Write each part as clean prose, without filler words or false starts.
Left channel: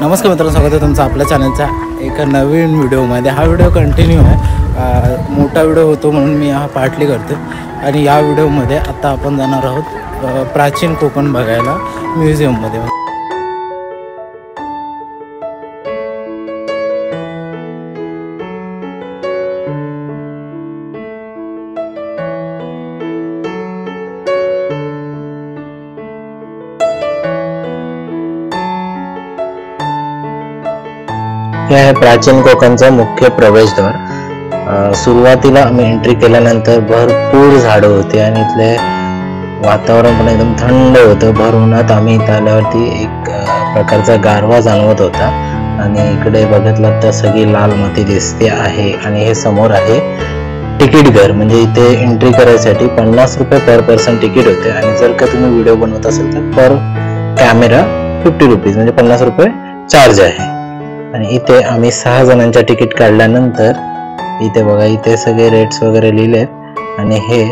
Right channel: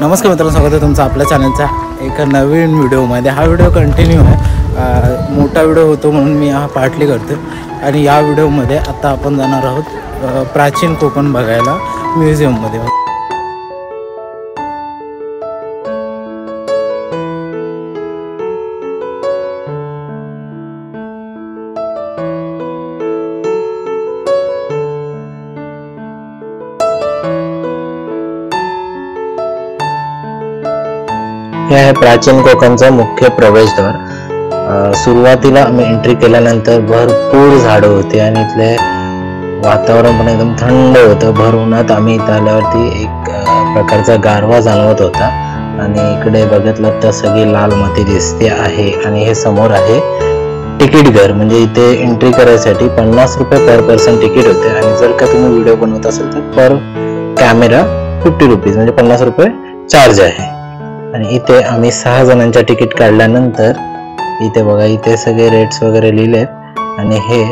नमस्कार मित्रांनो, स्वागत आहे तुमचं आपल्या चॅनलच्या एका नवीन व्हिडिओमध्ये। हा व्हिडिओ कंटिन्यू आहे, मोठा व्हिडिओ होतो म्हणून मी हा पार्टली करतो। आणि या व्हिडिओमध्ये आता आपण जाणार आहोत प्राचीन कोकण बघायला म्युझियममध्ये। हे आहे प्राचीन कोकणचा मुख्य प्रवेशद्वार। सुरुवातीला आम्ही एंट्री केल्यानंतर भरपूर झाडं होती आणि इथले वातावरण पण एकदम थंड होतं। भर उन्हात आम्ही इथं आल्यावरती एक प्रकारचा गारवा जाणवत होता। आणि इकडे बघितलं तर सगळी लाल माती दिसते आहे। आणि हे समोर आहे तिकीट घर, म्हणजे इथे एंट्री करायसाठी 50 रुपये पर पर्सन तिकीट होते। आणि जर का तुम्ही व्हिडिओ बनवत असेल तर पर कॅमेरा 50 रुपीज, म्हणजे 50 रुपये चार्ज आहे। आणि इथे आम्ही 6 जणांच्या तिकीट काढल्यानंतर इथे बघा, इथे सगळे रेट्स वगैरे लिहिलेत आणि हे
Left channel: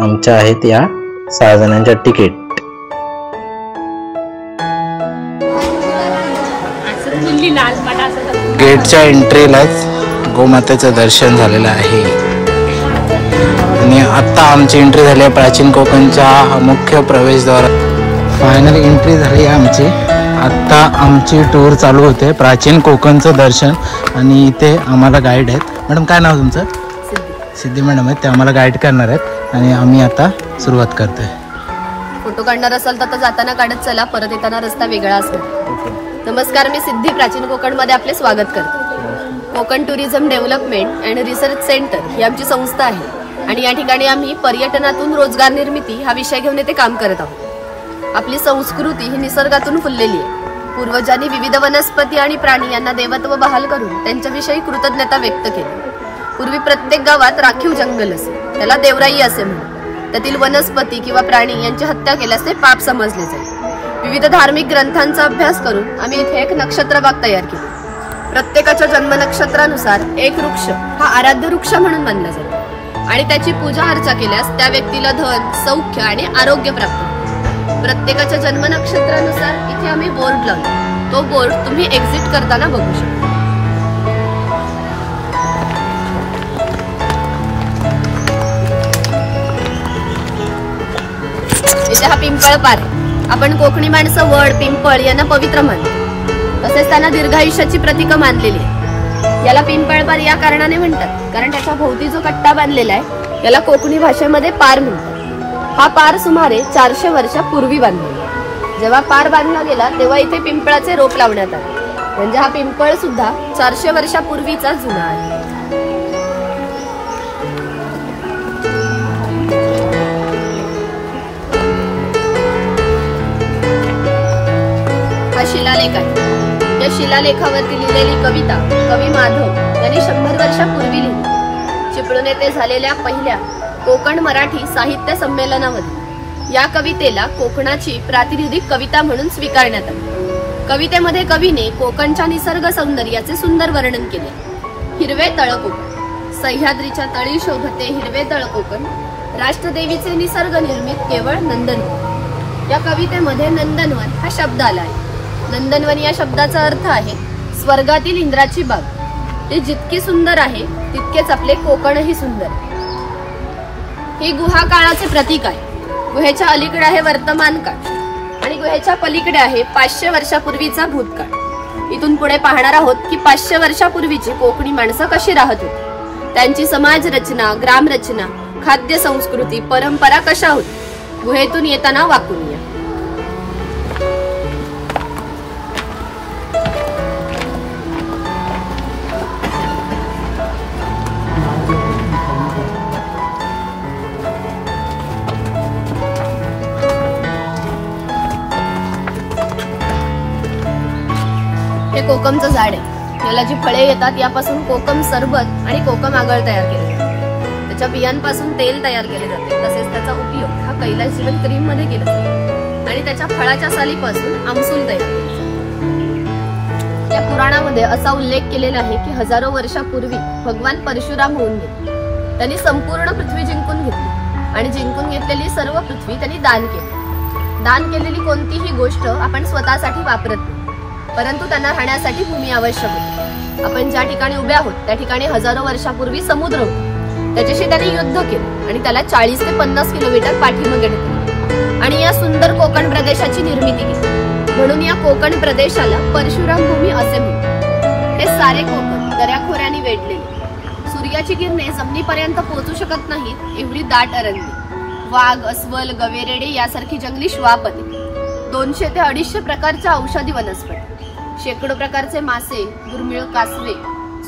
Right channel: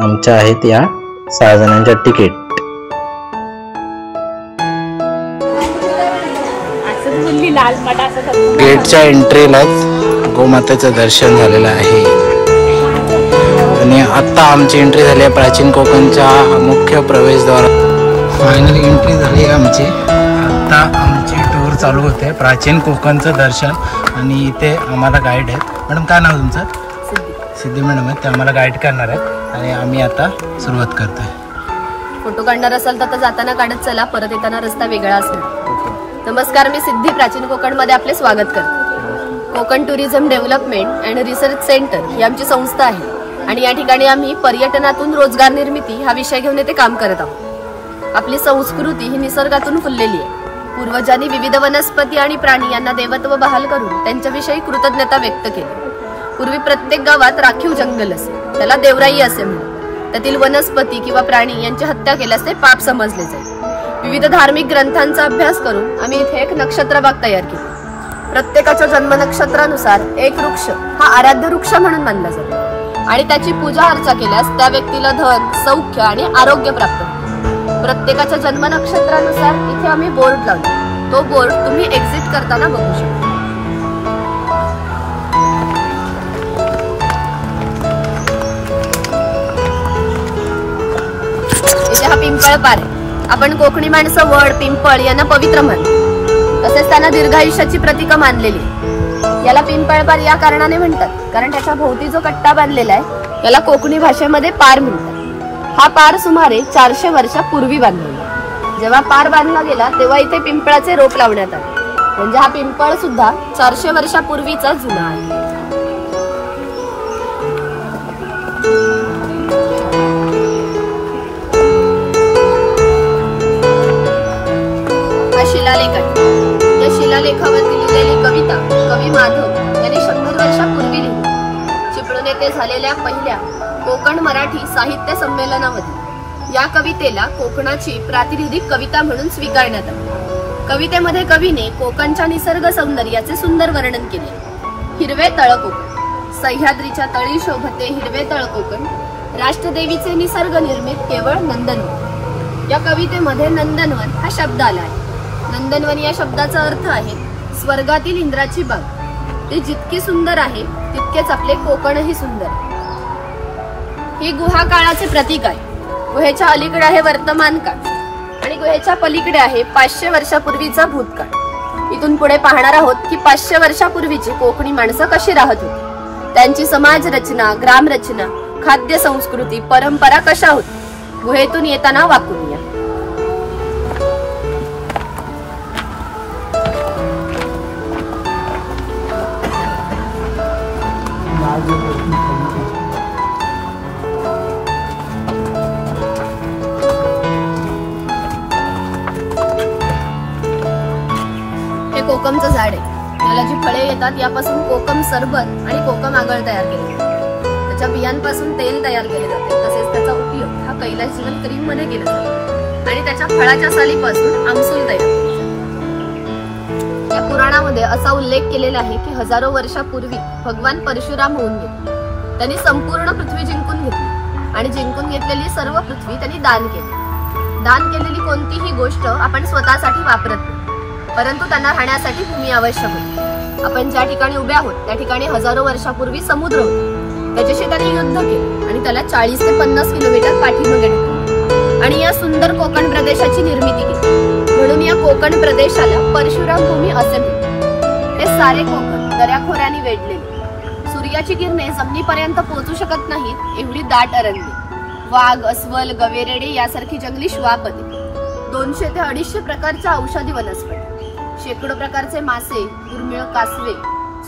आमच्या आहेत या 6 जणांच्या तिकीट। गेटच्या एंट्रीलाच गोमातेचं दर्शन झालेलं आहे। आणि आता आमची एंट्री झाली आहे प्राचीन कोकणच्या मुख्य प्रवेशद्वार। फायनल एंट्री झाली आहे आमची। आता आमची टूर चालू होते, प्राचीन कोकणचं दर्शन। आणि इथे आम्हाला गाईड आहेत। मॅडम, काय नाव तुमचं? सिद्धी मॅडम आहेत, ते आम्हाला गाईड करणार आहेत। आणि आम्ही आता सुरुवात करतोय। फोटो काढणार असाल तर जाताना काढत चला, परत येताना रस्ता वेगळा असणार। नमस्कार, मी सिद्धी प्राचीन कोकण मध्ये आपले स्वागत करते। Konkan tourism development and research centre ही आमची संस्था आहे। आणि या ठिकाणी आम्ही पर्यटनातून रोजगार निर्मिती हा विषय घेऊन येथे काम करत आहोत। आपली संस्कृती ही निसर्गातून फुललेली आहे। पूर्वजांनी विविध वनस्पती आणि प्राणी यांना देवत्व बहाल करून त्यांच्याविषयी कृतज्ञता व्यक्त केली। पूर्वी प्रत्येक गावात राखीव जंगल असे, त्याला देवराई असे म्हणतात। त्यातील वनस्पती किंवा प्राणी यांची हत्या केल्यास ते पाप समजले जाईल। विविध धार्मिक ग्रंथांचा अभ्यास करून आम्ही इथे एक नक्षत्रबाग तयार केली। प्रत्येकाच्या जन्म नक्षत्रानुसार एक वृक्ष हा आराध्य वृक्ष म्हणून मानला जातो। आणि त्याची पूजा अर्चा केल्यास त्या व्यक्तीला धन, सौख्य आणि आरोग्य प्राप्त होते। प्रत्येकाच्या जन्म नक्षत्रानुसार इथे आम्ही बोर्ड लावला। तो बोर्ड तुम्ही एक्झिट करताना बघू शकता। इथे हा पिंपळ पार आहे। आपण कोकणी माणसं वड, पिंपळ यांना पवित्र मानतो, तसेच त्यांना दीर्घायुष्याची प्रतीक मानलेली आहे। याला पिंपळ पार या कारणाने म्हणतात कारण त्याच्या भोवती जो कट्टा बांधलेला आहे याला कोकणी भाषेमध्ये पार म्हणतात। हा पार सुमारे 400 वर्षापूर्वी बांधला। जेव्हा पार बांधला गेला तेव्हा इथे पिंपळाचे रोप लावण्यात आले, म्हणजे हा पिंपळ सुद्धा 400 वर्षापूर्वीचा जुना आहे। हा शिलालेख आहे। या शिलालेखावरती लिहिलेली कविता कवी माधव यांनी 100 वर्षापूर्वी लिहिली। चिपळूण येथे झालेल्या पहिल्या कोकण मराठी साहित्य संमेलनामध्ये या कवितेला कोकणाची प्रातिनिधिक कविता म्हणून स्वीकारण्यात आली। कवितेमध्ये कवीने कोकणच्या निसर्ग सौंदर्याचे सुंदर वर्णन केले। हिरवे तळ कोकण, सह्याद्रीच्या तळी शोभते हिरवे तळ कोकण, राष्ट्रदेवीचे निसर्ग निर्मित केवळ नंदनवन। या कवितेमध्ये नंदनवन हा शब्द आला आहे। नंदनवन या शब्दाचा अर्थ आहे स्वर्गातील इंद्राची बाग। ती जितकी सुंदर आहे तितकेच आपले कोकणही सुंदर आहे। ही गुहा काळाचे प्रतीक आहे। गुहेच्या अलीकडे आहे वर्तमान काळ आणि गुहेच्या पलीकडे आहे 500 वर्षापूर्वीचा भूतकाळ। इथून पुढे पाहणार आहोत की 500 वर्षापूर्वीची कोकणी माणसं कशी राहत होती, त्यांची समाज रचना, ग्राम रचना, खाद्य संस्कृती, परंपरा कशा होती। गुहेतून येताना वाकून या। हे कोकमचं झाड आहे। याला जी फळे येतात यापासून कोकम सरबत आणि कोकम आगळ तयार केले जाते। त्याच्या बियांपासून तेल तयार केले जाते। तसेच त्याचा उपयोग हा कैलास जीवन क्रीम मध्ये केला जातो। आणि त्याच्या फळाच्या सालीपासून आमसूल तयार केले जाते। या पुराणामध्ये असा उल्लेख केलेला आहे की हजारो वर्षापूर्वी भगवान परशुराम होऊन गेले। त्यांनी संपूर्ण पृथ्वी जिंकून घेतली आणि जिंकून घेतलेली सर्व पृथ्वी त्यांनी दान केली। दान केलेली कोणतीही गोष्ट आपण स्वतःसाठी वापरत नाही, परंतु त्यांना राहण्यासाठी भूमी आवश्यक होती. आपण ज्या ठिकाणी उभे आहोत त्या ठिकाणी हजारो वर्षापूर्वी समुद्र होता. त्याच्याशी त्याने युद्ध केलं आणि त्याला 40 ते 50 किलोमीटर पाठीमागे ढकलले आणि या सुंदर कोकण प्रदेशाची निर्मिती केली. म्हणून या कोकण प्रदेशाला परशुराम भूमी असे म्हणतात. हे सारे कोकण दऱ्याखोऱ्याने वेढलेले. सूर्याची किरणे जमिनीपर्यंत पोहोचू शकत नाहीत एवढी दाट अरण्ये, वाघ, अस्वल, गवेरेडे यासारखी जंगली श्वापदे, 200 ते 250 प्रकारच्या औषधी वनस्पती, शेकडो प्रकारचे मासे, दुर्मिळ कासवे,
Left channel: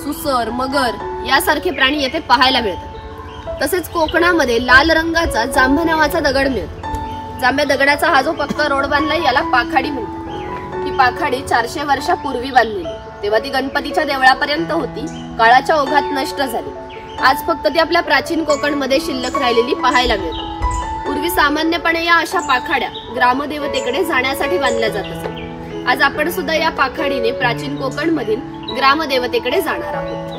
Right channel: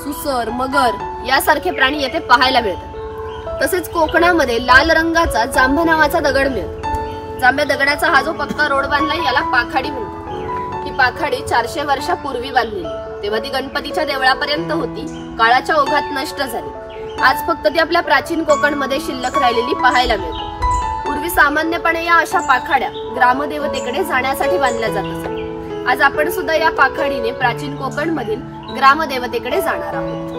सुसर, मगर यासारखे प्राणी येथे पाहायला मिळतात. तसेच कोकणामध्ये लाल रंगाचा जांभा नावाचा दगड मिळतो. जांभ्या दगडाचा हा जो पक्का रोड बांधलाय याला पाखाडी म्हणतात. ही पाखाडी 400 वर्षापूर्वी बांधलेली. तेव्हा ती गणपतीच्या देवळापर्यंत होती. काळाच्या ओघात नष्ट झाली. आज फक्त ती आपल्या प्राचीन कोकणमध्ये शिल्लक राहिलेली पाहायला मिळते. पूर्वी सामान्यपणे या अशा पाखाड्या ग्रामदेवतेकडे जाण्यासाठी बांधल्या जात असत. आज आपण सुद्धा या पाखाडीने प्राचीन कोकण मधील ग्रामदेवतेकडे जाणार आहोत.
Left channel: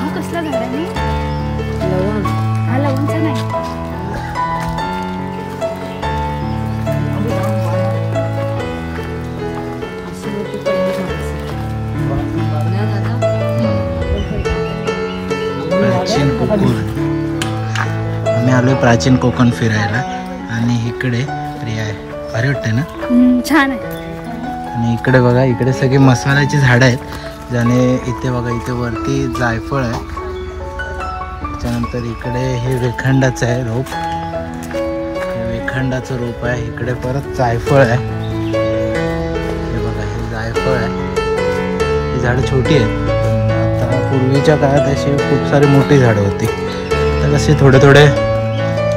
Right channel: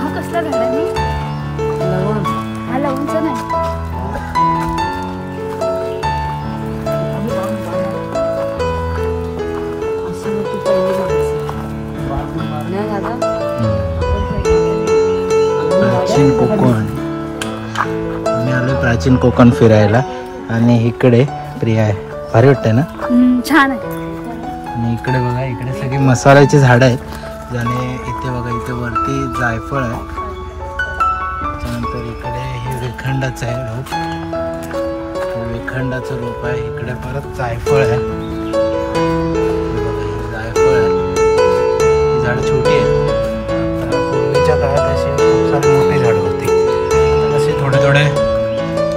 हा कसला झाड आहे? हा लवंगचा नाही. प्राचीन कोकण. आम्ही आलोय प्राचीन कोकण फिरायला आणि इकडे प्रिया आहे. भारी वाटतंय ना? छान आहे. आणि इकडे बघा, इकडे सगळी मसाल्याची झाडं आहेत. ज्याने इथे बघा, इथे वरती जायफळ आहे. त्याच्यानंतर इकडे हे वेखंडाचं आहे रोप, हे वेखंडाचं रोप आहे. इकडे परत जायफळ आहे. हे बघा, हे जायफळ आहे. ही झाडं छोटी आहेत. पूर्वीच्या काळात अशी खूप सारी मोठी झाडं होती. तर असे थोडे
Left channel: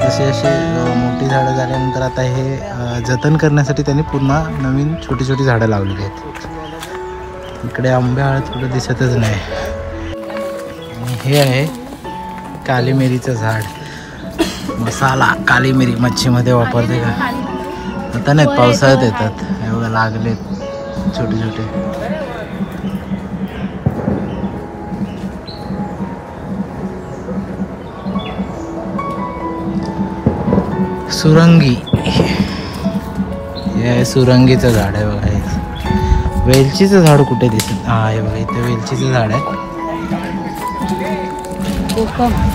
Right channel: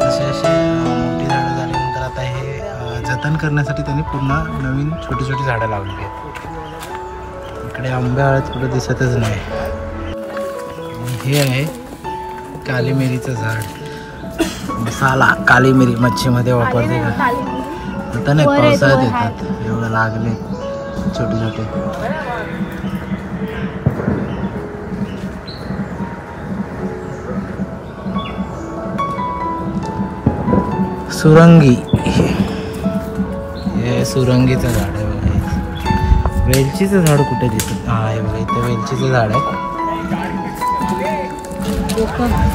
असे मोठी झाडं झाल्यानंतर आता हे जतन करण्यासाठी त्यांनी पुन्हा नवीन छोटी छोटी झाडं लावलेली आहेत. इकडे आंब्या हळद कुठं दिसतच नाही. आणि हे आहे काली मिरीचं झाड. मसाला काली मिरी मच्छीमध्ये वापरते का? आता नाहीत, पावसाळ्यात येतात. एवढं लागलेत छोटे छोटे. सुरंगी, हे सुरंगीचं झाड आहे बघा. वेलचीचं झाड कुठे दिसत? हा हे बघा, इथे वेलचीचं झाड आहे.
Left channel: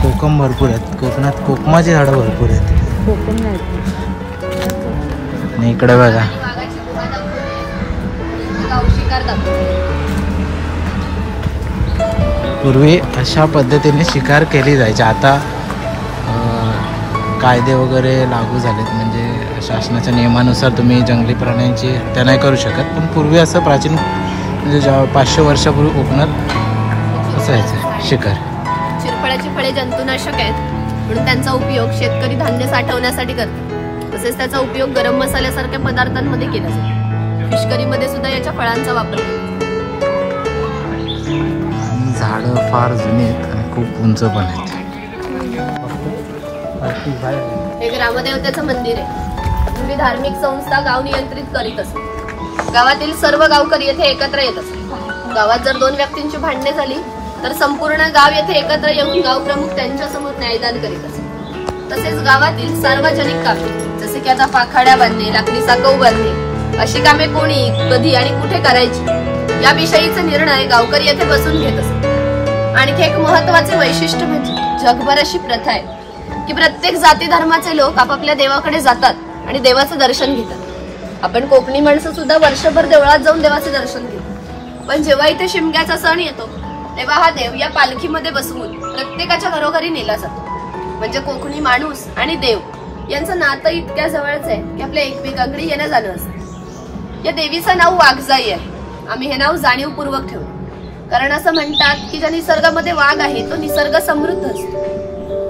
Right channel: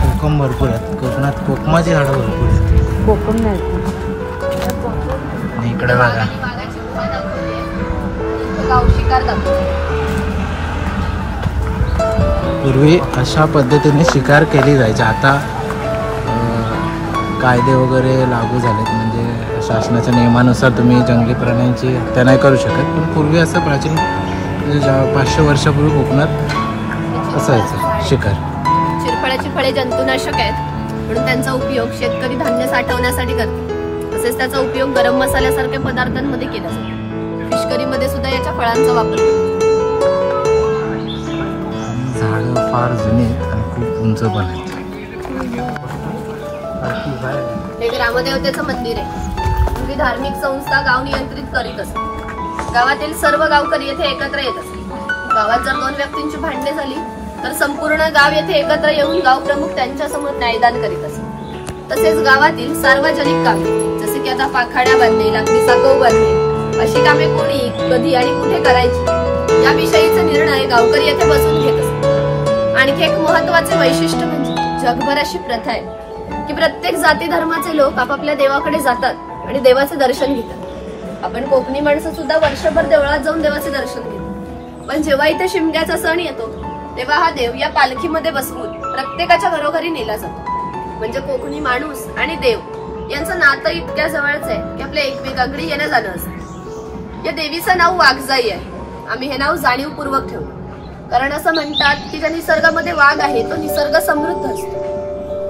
कोकम भरपूर आहेत कोकणात. कोकमाची झाडं भरपूर आहेत. कोकम नाही. आणि इकडे बघा, पूर्वी अशा पद्धतीने शिकार केली जायची. आता कायदे वगैरे लागू झालेत, म्हणजे शासनाच्या नियमानुसार तुम्ही जंगली प्राण्यांची हत्या नाही करू शकत. पण पूर्वी असं प्राचीन म्हणजे 500 वर्षापूर्वी कोकणात असायचं शिकार. शिरफळाची फळे जंतुनाशक आहेत म्हणून त्यांचा उपयोग शेतकरी धान्य साठवण्यासाठी करतात. तसेच त्याचा उपयोग गरम मसाल्यासारख्या पदार्थांमध्ये केला जातो. फिशकरीमध्ये सुद्धा याच्या फळांचा वापर केला. झाडं फार जुनी आहेत आणि खूप उंच पण आहेत. हे ग्रामदेवतेचं मंदिर आहे. पूर्वी धार्मिक संस्था गाव नियंत्रित करीत असत. गावातील सर्व गावकरी येथे एकत्र येत असत. गावात जर 2 व्यक्तींची भांडणे झाली तर संपूर्ण गाव येथे एकत्र येऊन गाव प्रमुख त्यांच्या समोर न्यायदान करीत असत. तसेच गावातील सार्वजनिक कामे जसे की आता पाखाड्या बांधणे, लाकडीचा गहू बांधणे अशी कामे कोणी, कधी आणि कुठे करायची याविषयीचा निर्णय गावकरी येथे बसून घेत असत. आणखी एक महत्वाचे वैशिष्ट्य म्हणजे जगभर अशी प्रथा आहे की प्रत्येक जाती धर्माचे लोक आपापल्या देवाकडे जातात आणि देवाचं दर्शन घेतात. आपण कोकणी माणसं सुद्धा वर्षभर देवळात जाऊन देवाचे दर्शन घेतो. पण जेव्हा इथे शिमग्याचा सण येतो तेव्हा हा देव या पालखीमध्ये बसवून प्रत्येकाच्या घरोघरी नेला जातो. म्हणजे कोकणी माणूस आणि देव यांचं नातं इतक्या जवळच आहे की आपल्या एकमेकांकडे येणं जाणं असतं. या देवीचं नाव वाघजाई आहे. आम्ही हे नाव जाणीवपूर्वक ठेवलं कारण असं म्हणतात की ज्या निसर्गामध्ये वाघ आहे तो निसर्ग समृद्ध असतो.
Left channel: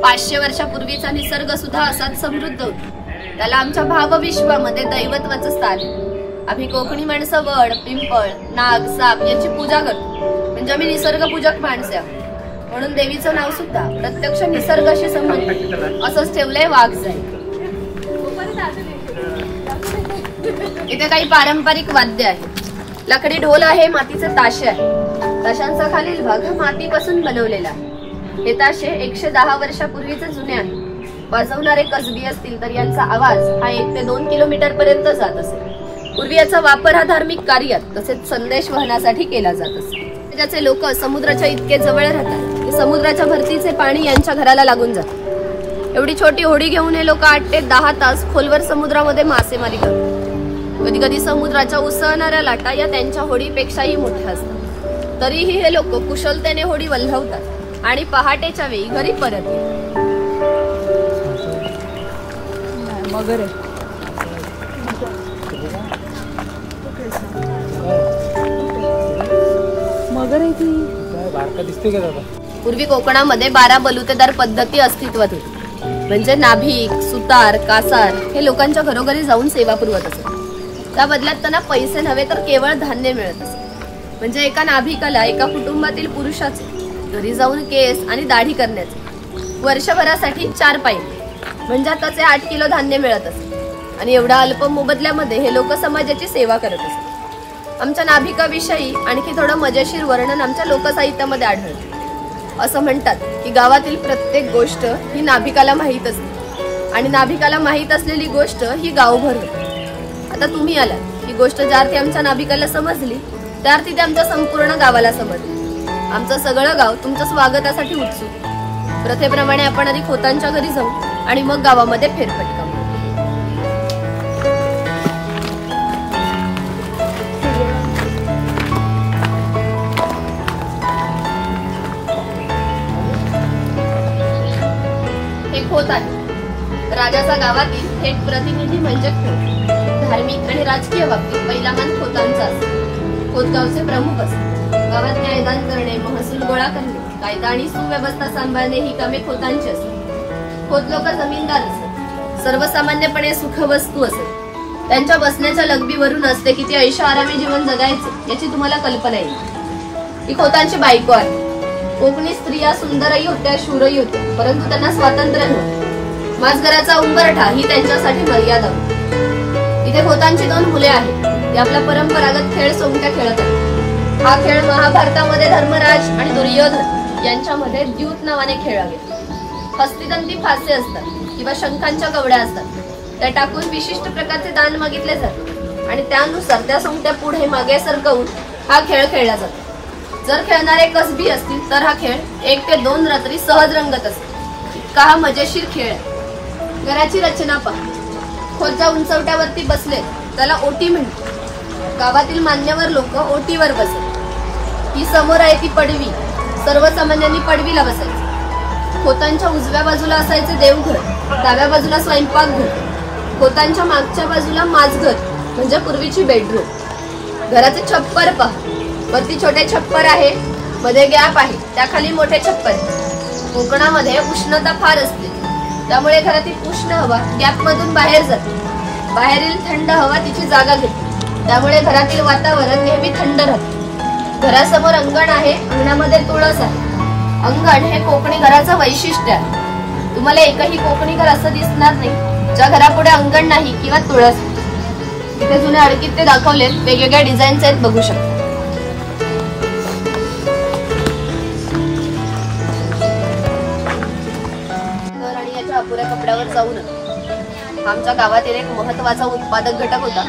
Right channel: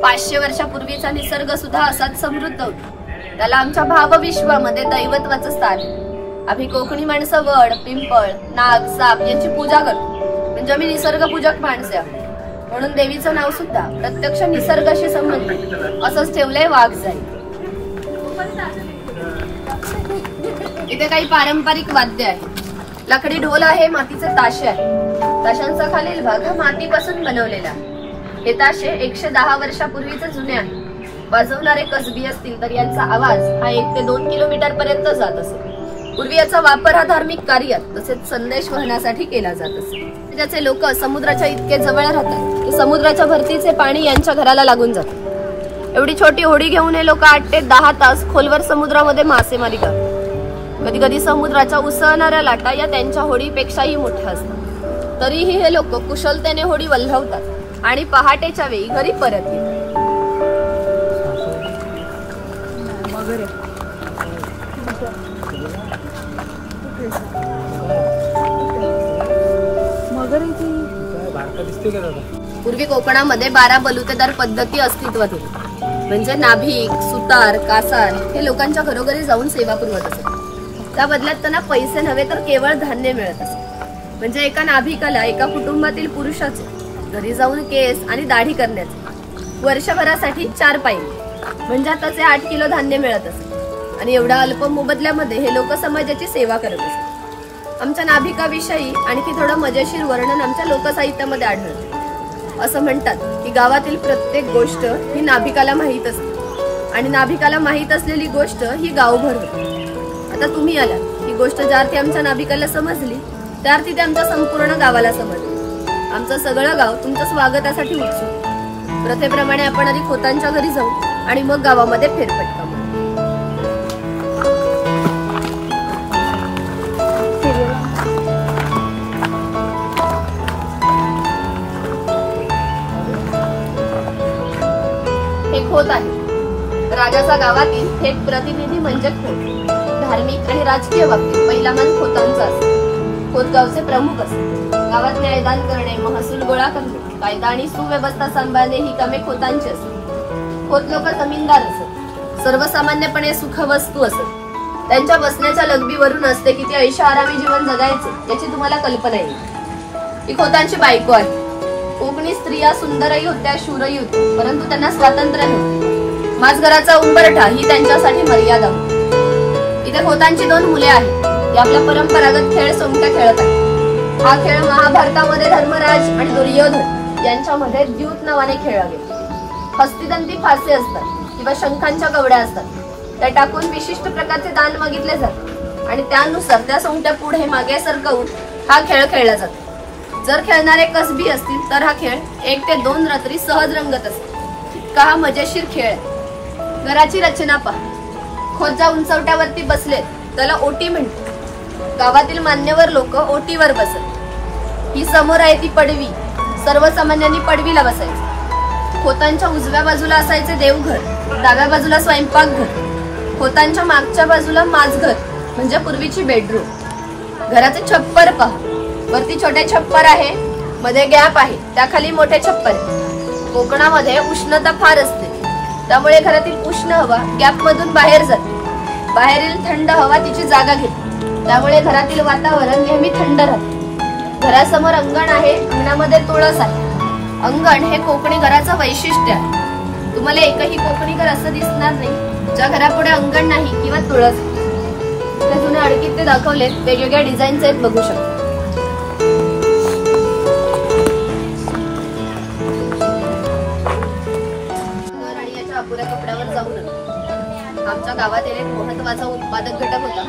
500 वर्षापूर्वीचा निसर्ग सुद्धा असाच समृद्ध होता. त्याला आमच्या भावविश्वामध्ये दैवत्वाचं स्थान आहे. आम्ही कोकणी माणसं वड, पिंपळ, नाग, साप यांची पूजा करतो. म्हणजे आम्ही निसर्गपूजक माणसे आहोत. म्हणून देवीचं नाव सुद्धा प्रत्यक्ष निसर्गाशी संबंधित असंच ठेवलंय वाघजाई. इथे काही पारंपरिक वाद्य आहेत. लाकडी ढोल आहे, मातीचे ताशे आहे. ताशांचा खालील भाग हा मातीपासून बनवलेला. हे ताशे 110 वर्षापूर्वीचे जुने आहे. वाजवणारे कसबी असतील तर यांचा आवाज हा 1 ते 2 किलोमीटर पर्यंत जात असे. पूर्वी याचा वापर हा धार्मिक कार्यात तसेच संदेश वहनासाठी केला जात असे. ज्याचे लोक समुद्राच्या इतके जवळ राहतात की समुद्राच्या भरतीचे पाणी यांच्या घराला लागून जाते. एवढी छोटी होडी घेऊन हे लोक 8 ते 10 तास खोलवर समुद्रामध्ये मासेमारी करतात. कधी कधी समुद्राच्या उसळणाऱ्या लाटा या त्यांच्या होडीपेक्षाही मोठ्या असतात. तरीही हे लोक कुशलतेने होडी वल्हवतात आणि पहाटेच्या वेळी घरी परत येतात. पूर्वी कोकणामध्ये 12 बलुतेदार पद्धती अस्तित्वात होती. म्हणजे नाभिक, सुतार, कासार हे लोकांच्या घरोघरी जाऊन सेवा पुरवत असत. त्या बदल्यात त्यांना पैसे नव्हे तर केवळ धान्य मिळत असे. म्हणजे एका नाभिकाला एका कुटुंबातील पुरुषाचे घरी जाऊन केस आणि दाढी करण्याचे वर्षभरासाठी 4 पायले म्हणजे आताचे 8 किलो धान्य मिळत असे. आणि एवढ्या अल्प मोबदल्यामध्ये हे लोक समाजाची सेवा करत असत. आमच्या नाभिकाविषयी आणखी थोडं मजेशीर वर्णन आमच्या लोकसाहित्यामध्ये आढळते. असं म्हणतात की गावातील प्रत्येक गोष्ट ही नाभिकाला माहीत असते आणि नाभिकाला माहीत असलेली गोष्ट ही गावभर होते. आता तुम्ही आलात ही गोष्ट ज्या अर्थी आमच्या नाभिकाला समजली त्या अर्थी ते आमच्या संपूर्ण गावाला समजली. आमचं सगळं गाव तुमच्या स्वागतासाठी उत्सुक. प्रथेप्रमाणे आपण आधी खोतांच्या घरी जाऊ आणि मग गावामध्ये फेरफटका मारू. होत आहे राजाचा गावातील थेट प्रतिनिधी म्हणजे खोत. धार्मिक आणि राजकीय बाबतीत पहिला मान खोतांचा असतो. खोत गावचे प्रमुख असतात. गावात न्यायदान करणे, महसूल गोळा करणे, कायदा आणि सुव्यवस्था सांभाळणे ही कामे खोतांची असतात. खोत लोक जमीनदार असत. सर्वसामान्यपणे सुखवस्तू असत. त्यांच्या बसण्याच्या लगबीवरून असते किती ऐशोआरामी जीवन जगायचे याची तुम्हाला कल्पना येईल. ही खोतांची बायको आहे. कोकणी स्त्रिया सुंदरही होत्या, शूरही होत्या, परंतु त्यांना स्वातंत्र्य नव्हते. माझघराचा उंबरठा ही त्यांच्यासाठी मर्यादा होती. इथे खोतांची 2 मुले आहेत. ते आपला परंपरागत खेळ सोंगट्या खेळत आहेत. हा खेळ महाभारतामध्ये धर्मराज आणि दुर्योधन यांच्यामध्ये द्यूत नावाने खेळला गेला. हस्तिदंती फासे असतात किंवा शंखांच्या कवड्या असतात. त्या टाकून विशिष्ट प्रकारचे दान मागितले जाते आणि त्यानुसार त्या सोंगट्या पुढे मागे सरकवून हा खेळ खेळला जातो. जर खेळणारे कसबी असतील तर हा खेळ 1 ते 2 रात्री सहज रंगत असतो. इतका हा मजेशीर खेळ. घराची रचना पहा. खोत ज्या उंचवट्यावरती बसले त्याला ओटी म्हणतात. गावातील मान्यवर लोक ओटीवर बसत. ही समोर आहे ती पडवी. सर्वसामान्यांनी पडवीला बसायचे. खोतांच्या उजव्या बाजूला असायचे देवघर, डाव्या बाजूला स्वयंपाकघर. खोतांच्या मागच्या बाजूला माझघर म्हणजे पूर्वीची बेडरूम. घराचे छप्पर पहा. वरती छोटे छप्पर आहे, मध्ये गॅप आहे, त्याखाली मोठे छप्पर आहे. कोकणामध्ये उष्णता फार असते, त्यामुळे घरातील उष्ण हवा गॅप मधून बाहेर जाते. बाहेरील थंड हवा तिची जागा घेते, त्यामुळे घरातील वातावरण नेहमी थंड राहते. घरासमोर अंगण आहे, अंगणामध्ये तुळस आहे. अंगण हे कोकणी घराचं वैशिष्ट्य आहे. तुम्हाला एकही कोकणी घर असं दिसणार नाही ज्या घरापुढे अंगण नाही किंवा तुळस. इथे जुने अडकीत ते दाखवले वेगवेगळ्या डिझाईन्स आहेत, बघू शकता. कपड्यावर जाऊन आमच्या गावातील एक महत्वाचा उत्पादक घटक होता.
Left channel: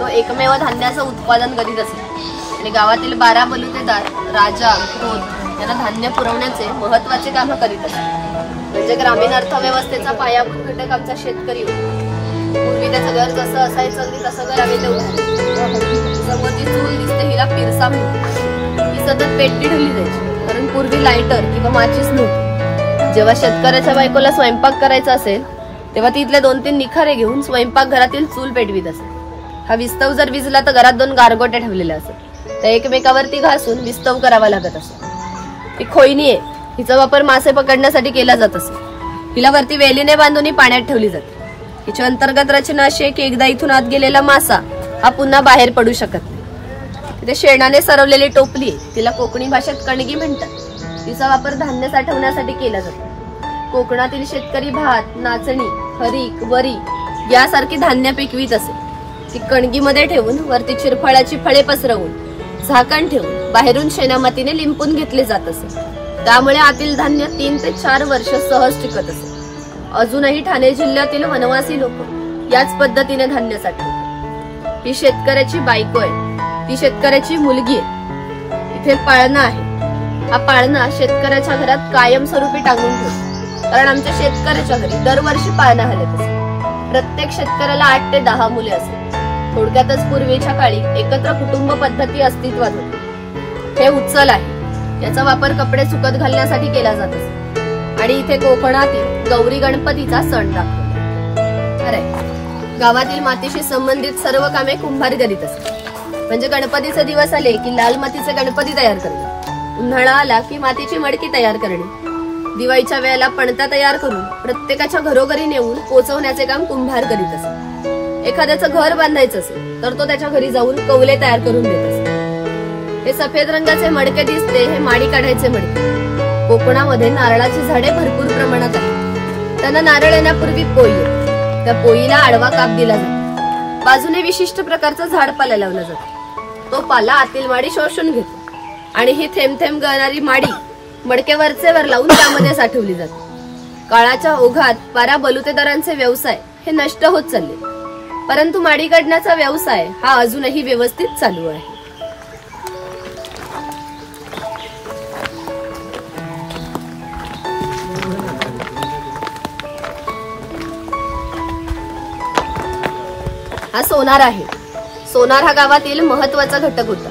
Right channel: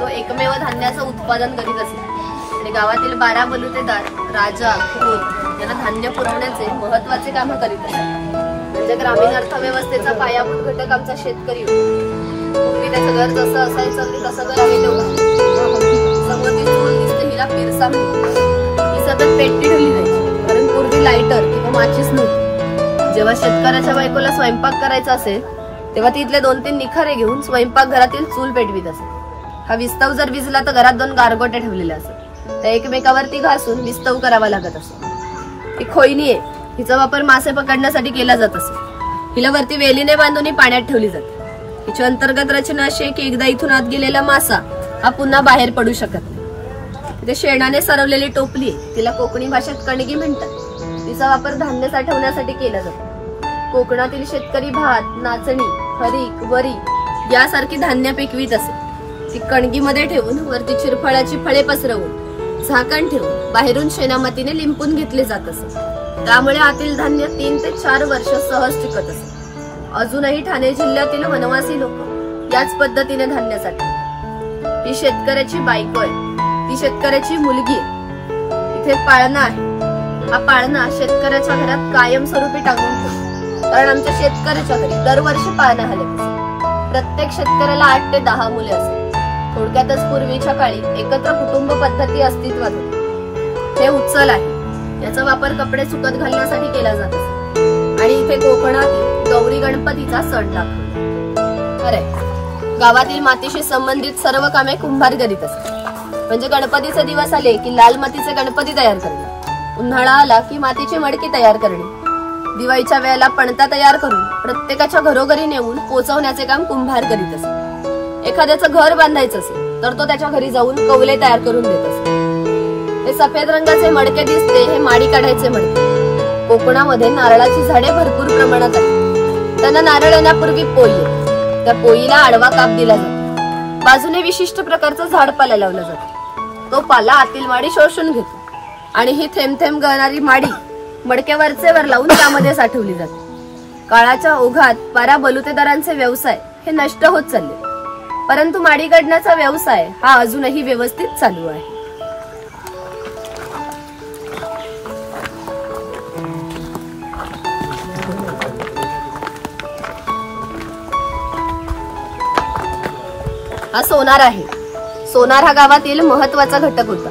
तो एकमेव धान्याचं उत्पादन करीत असे आणि गावातील 12 बलुतेदार, राजा, खोत यांना धान्य पुरवण्याचे महत्वाचे काम करीत असत. म्हणजे ग्रामीण अर्थव्यवस्थेचा पायाभूत घटक आमचा शेतकरी होता. पूर्वी त्याचं घर जसं असायचं अगदी तसं घर आम्ही तेवढं. समोरची चूल दिसते हिला पिरसा म्हणते. ही सतत पेटती ठेवली जायची कारण पूर्वी लायटर किंवा माचीस नव्हती. जेव्हा शेतकऱ्याच्या बायकोला स्वयंपाक करायचा असेल तेव्हा ती इथले 2-3 निखारे घेऊन स्वयंपाक घरातील चूल पेटवीत असे. हा विस्तव जर विजला तर घरात 2 गारगोट्या ठेवलेल्या असत. त्या एकमेकावरती घासून विस्तव करावा लागत असतो. ही खोयनी आहे. हिचा वापर मासे पकडण्यासाठी केला जात असे. हिला वरती वेलीने बांधून पाण्यात ठेवली जाते. हिची अंतर्गत रचना अशी आहे की एकदा इथून आत गेलेला मासा हा पुन्हा बाहेर पडू शकत नाही. तिथे शेणाने सरवलेली टोपली आहे, तिला कोकणी भाषेत कणगी म्हणतात. तिचा वापर धान्य साठवण्यासाठी केला जातो. कोकणातील शेतकरी भात, नाचणी, हरीक, वरी यासारखी धान्य पिकवीत असे. ती कणगीमध्ये ठेवून वरती चिरफळाची फळे पसरवून झाकण ठेवून बाहेरून शेणामातीने लिंपून घेतले जात असे. त्यामुळे आतील धान्य 3 ते 4 वर्ष सहज टिकत असे. अजूनही ठाणे जिल्ह्यातील वनवासी लोक याच पद्धतीने धान्य साठवतात. ही शेतकऱ्याची बायको आहे, ती शेतकऱ्याची मुलगी आहे. इथे पाळणा आहे. हा पाळणा शेतकऱ्याच्या घरात कायमस्वरूपी टांगून ठेवतो, कारण आमच्या शेतकऱ्याच्या घरी दरवर्षी पाळणा हलत असते. प्रत्येक शेतकऱ्याला 8 ते 10 मुले असतात. थोडक्यातच पूर्वीच्या काळी एकत्र कुटुंब पद्धती अस्तित्वात होती. हे उचल आहे, याचा वापर कपडे सुकत घालण्यासाठी केला जात असे. आणि इथे कोकणातील गौरी गणपतीचा सण दाखवतो. अरे, गावातील मातीशी संबंधित सर्व कामे कुंभार करीत असतात. म्हणजे गणपतीचे दिवस आले की लाल मातीचे गणपती तयार करणे, उन्हाळा आला की मातीची मडकी तयार करणे, दिवाळीच्या वेळेला पणत्या तयार करून प्रत्येकाच्या घरोघरी नेऊन पोचवण्याचे काम कुंभार करीत असत. एखाद्याचं घर बांधायचं असेल तर तो त्याच्या घरी जाऊन कौले तयार करून देत असतो. हे सफेद रंगाचे मडके दिसते, हे माडी काढायचे मडके. कोकणामध्ये नारळाची झाडे भरपूर प्रमाणात आहेत. त्यांना नारळ येण्यापूर्वी पोई येते. त्या पोईला आडवा काप दिला जातो. बाजूने विशिष्ट प्रकारचा झाडपाला लावला जातो. तो पाला आतील माडी शोषून घेतो आणि ही थेंब थेंब गळणारी माडी मडके वरचेवर लावून त्यामध्ये साठवली जाते. काळाच्या ओघात पारा बलुतेदारांचे व्यवसाय हे नष्ट होत चालले, परंतु माडी काढण्याचा व्यवसाय हा अजूनही व्यवस्थित चालू आहे. हा सोनार आहे. सोनार हा गावातील महत्वाचा घटक होता.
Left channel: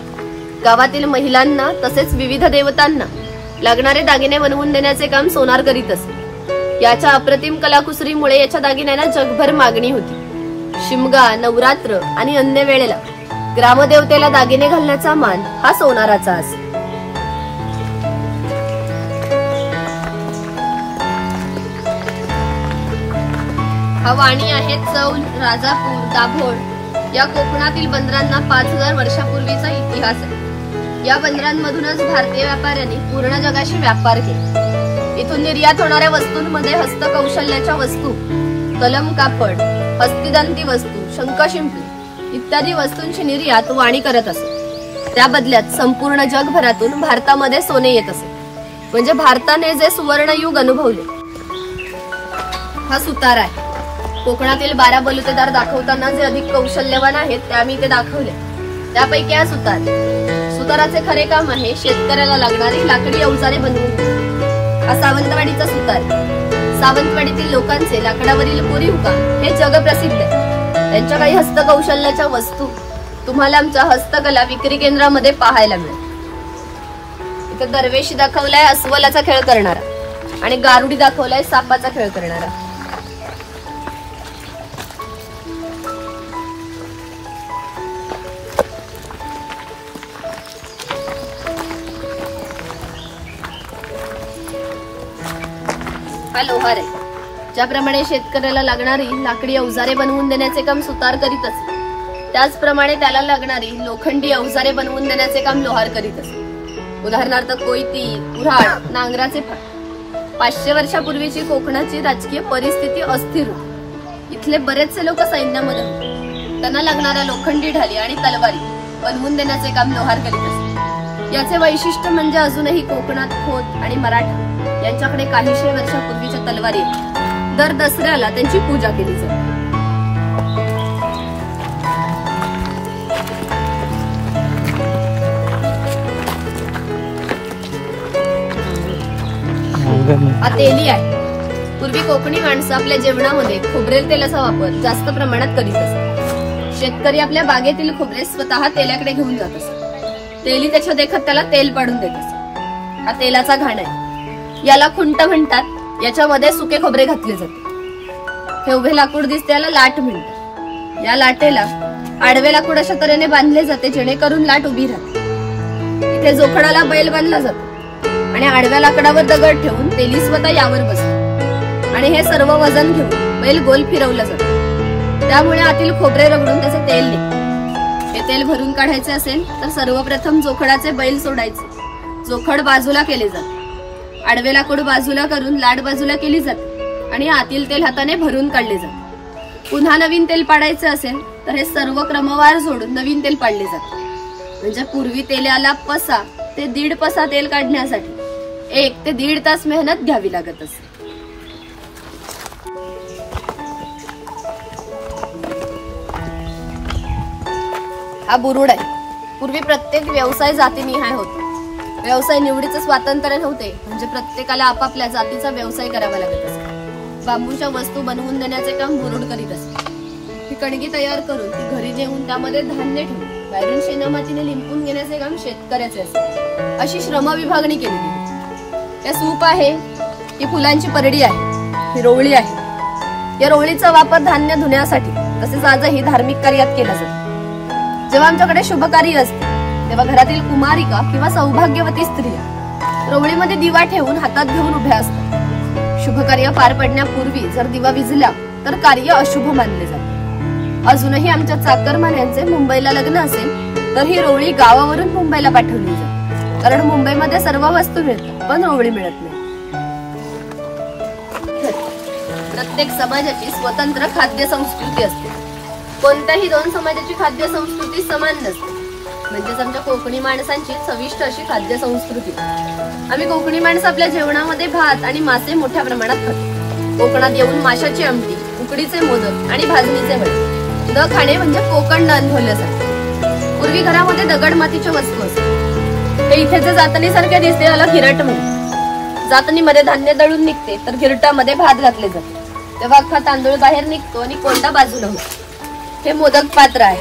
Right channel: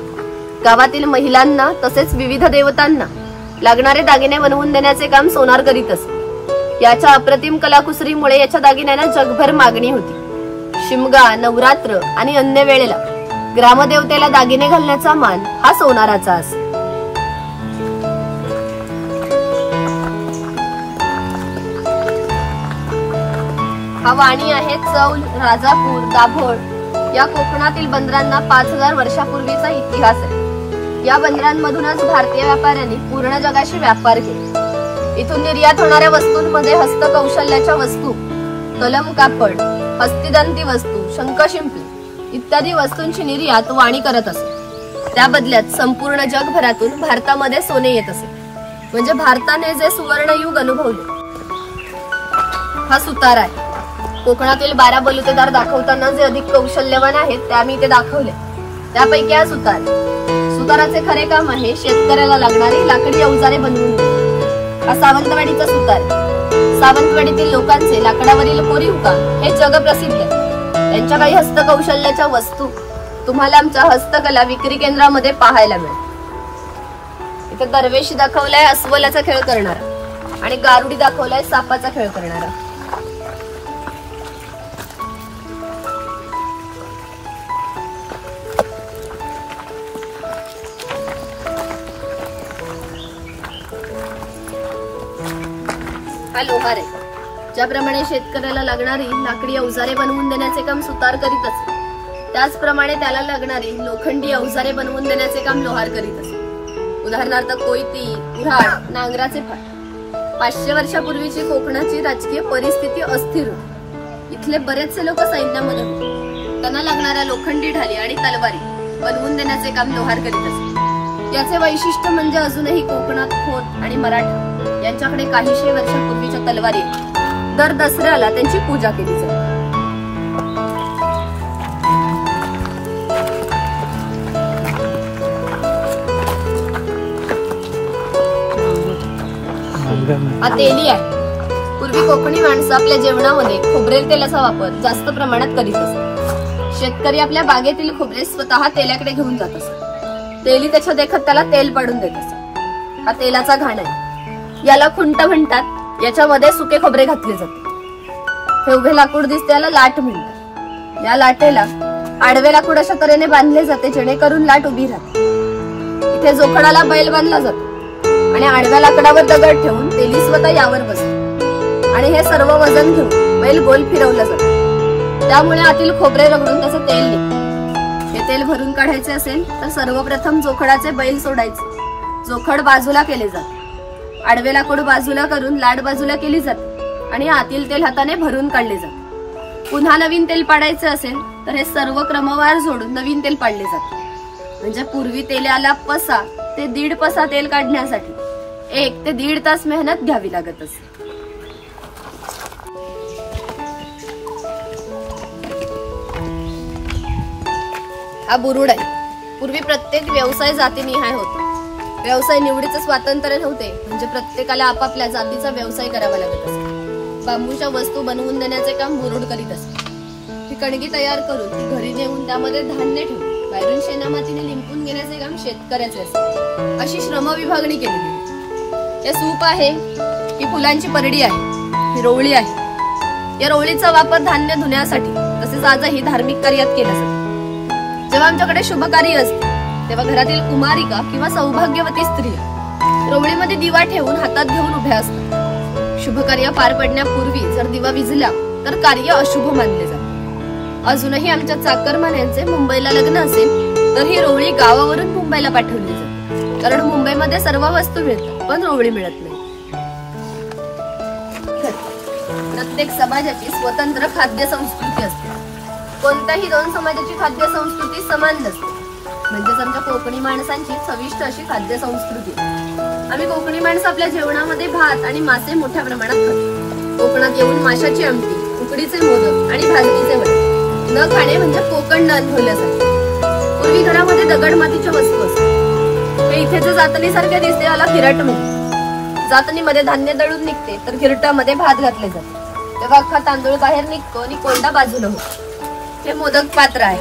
गावातील महिलांना तसेच विविध देवतांना लागणारे दागिने बनवून देण्याचे काम सोनार करीत असे. याच्या अप्रतिम कलाकुसरीमुळे याच्या दागिन्यांना जगभर मागणी होती. शिमगा, नवरात्र आणि अन्य वेळेला ग्रामदेवतेला दागिने घालण्याचा मान हा सोनाराचा असे. हा वाणी आहे चौल, राजापूर, दाभोळ या कोकणातील बंदरांना 5000 वर्षापूर्वीचा इतिहास आहे. या बंदरांमधूनच भारतीय व्यापाऱ्यांनी पूर्ण जगाशी व्यापार केला. इथून निर्यात होणाऱ्या वस्तूंमध्ये हस्तकौशल्याच्या वस्तू, कलम कापड, हस्तिदांती वस्तू, शंखशिंपले इत्यादी वस्तूंची निर्यात वाणी करत असे. त्या बदल्यात संपूर्ण जगभरातून भारतामध्ये सोने येत असे. म्हणजे भारताने जे सुवर्ण युग अनुभवले. हा सुतार आहे. कोकणातील 12 बलुतेदार दाखवताना जे अधिक कौशल्यवान आहेत ते आम्ही इथे दाखवले. त्यापैकी हा सुतार. सुताराचे खरे काम आहे शेतकऱ्याला लागणारी लाकडी अवजारे बनवून देणे. हा सावंतवाडीचा सुतार. सावंतवाडीतील लोकांचे लाकडावरील कोरीव काम हे जगप्रसिद्ध आहे. त्यांच्या काही हस्तकौशल्याच्या वस्तू तुम्हाला आमच्या हस्तकला विक्री केंद्रामध्ये पाहायला मिळेल. इथे दरवेशी दाखवलाय अस्वलाचा खेळ करणारा आणि गारुडी दाखवलाय सापाचा खेळ करणारा. हा लोहार आहे. ज्याप्रमाणे शेतकऱ्याला लागणारी लाकडी अवजारे बनवून देण्याचे काम सुतार करीत असे, त्याचप्रमाणे त्याला लागणारी लोखंडी अवजारे बनवून देण्याचे काम लोहार करीत असे. उदाहरणार्थ कोयती, कुऱ्हाड, नांगराचे फाट. 500 वर्षापूर्वीची कोकणाची राजकीय परिस्थिती अस्थिर होती. इथले बरेचसे लोक सैन्यामध्ये होते. त्यांना लागणाऱ्या लोखंडी ढाली आणि तलवारी बनवून देण्याचे काम लोहार करीत असे. याचे वैशिष्ट्य म्हणजे अजूनही कोकणात खोत आणि मराठा यांच्याकडे काहीशे वर्षापूर्वीच्या तलवारी दर दसऱ्याला त्यांची पूजा केली जाते. हा तेली आहे. पूर्वी कोकणी माणसं आपल्या जेवणामध्ये खोबरेल तेलाचा वापर जास्त प्रमाणात करीत असत. शेतकरी आपल्या बागेतील खोबरे स्वतः तेलाकडे घेऊन जात असत. तेली त्याच्या देखत त्याला तेल पाडून देत असत. हा तेलाचा घाण आहे. याला खुंट म्हणतात. याच्यामध्ये सुके खोबरे घातले जाते. हे उभे लाकूड दिसते याला लाट म्हणतात. या लाटेला आडवे लाकूड अशा तऱ्हेने बांधले जाते जेणेकरून लाट उभी राहते. इथे जोखडाला बैल बांधला जातो आणि आडव्या लाकडावर दगड ठेवून तेली स्वतः यावर बसतो आणि हे सर्व वजन घेऊन बैल गोल फिरवलं जातं. त्यामुळे आतील खोबरे रगडून त्याचे तेल निघते. हे तेल भरून काढायचे असेल तर सर्वप्रथम जोखडाचे बैल सोडायचे. जोखड बाजूला केले जाते. आडवे लाकूड बाजूला करून लाट बाजूला केली जाते आणि आतील तेल हाताने भरून काढले जाते. पुन्हा नवीन तेल पाडायचे असेल तर हे सर्व क्रमवार जोडून नवीन तेल पाडले जाते. म्हणजे पूर्वी तेलाला पसा ते 1.5 पसा तेल काढण्यासाठी 1 ते 1.5 तास मेहनत घ्यावी लागत असे. हा बुरुड आहे. पूर्वी प्रत्येक व्यवसाय जातीनिहाय होता. व्यवसाय निवडीचं स्वातंत्र्य नव्हते, म्हणजे प्रत्येकाला आपापल्या जातीचा व्यवसाय करावा लागत असे. बांबूच्या वस्तू बनवून देण्याचे काम बुरुड करीत असे. ही कणगी तयार करून ती घरी नेऊन त्यामध्ये धान्य ठेवून बाहेरून शेणामातीने लिंपून घेण्याचे काम शेतकऱ्याचे असे. अशी श्रम विभागणी केली गेली. या सूप आहे, ही फुलांची परडी आहे, ही रोवळी आहे. या रोवळीचा वापर धान्य धुण्यासाठी तसेच आजही धार्मिक कार्यात केला जातो. जेव्हा आमच्याकडे शुभ कार्य असते तेव्हा घरातील कुमारिका किंवा सौभाग्यवती स्त्रिया रोवळीमध्ये दिवा ठेवून हातात घेऊन उभ्या असतात. शुभ कार्य पार पडण्यापूर्वी जर दिवा विझला तर कार्य अशुभ मानले जाते. अजूनही आमच्या चाकरमान्यांचे मुंबईला लग्न असेल तर ही रोवळी गावावरून मुंबईला पाठवली जाते, कारण मुंबईमध्ये सर्व वस्तू मिळतात पण रोवळी मिळत नाही. प्रत्येक समाजाची स्वतंत्र खाद्य संस्कृती असते. कोणत्याही 2 समाजाची खाद्य संस्कृती समान नसते. म्हणजेच आमच्या कोकणी माणसांची चविष्ट अशी खाद्य संस्कृती. आम्ही कोकणी माणसं आपल्या जेवणामध्ये भात आणि मासे मोठ्या प्रमाणात खातो. कोकणात येऊन माशाची आमटी, उकडीचे मोदक आणि भाजणीचे वडे न खाणे म्हणजे कोकण न अनुभवल्यासारखे. पूर्वी घरामध्ये दगड मातीच्या वस्तू असतात. हे इथे जे जातणीसारखे दिसते याला घिरट म्हणतात. जातणीमध्ये धान्य दळून निघते तर घिरटामध्ये भात घातले जाते. तेव्हा अख्खा तांदूळ बाहेर निघतो आणि कोंडा बाजूला होतो. हे मोदक पात्र आहे,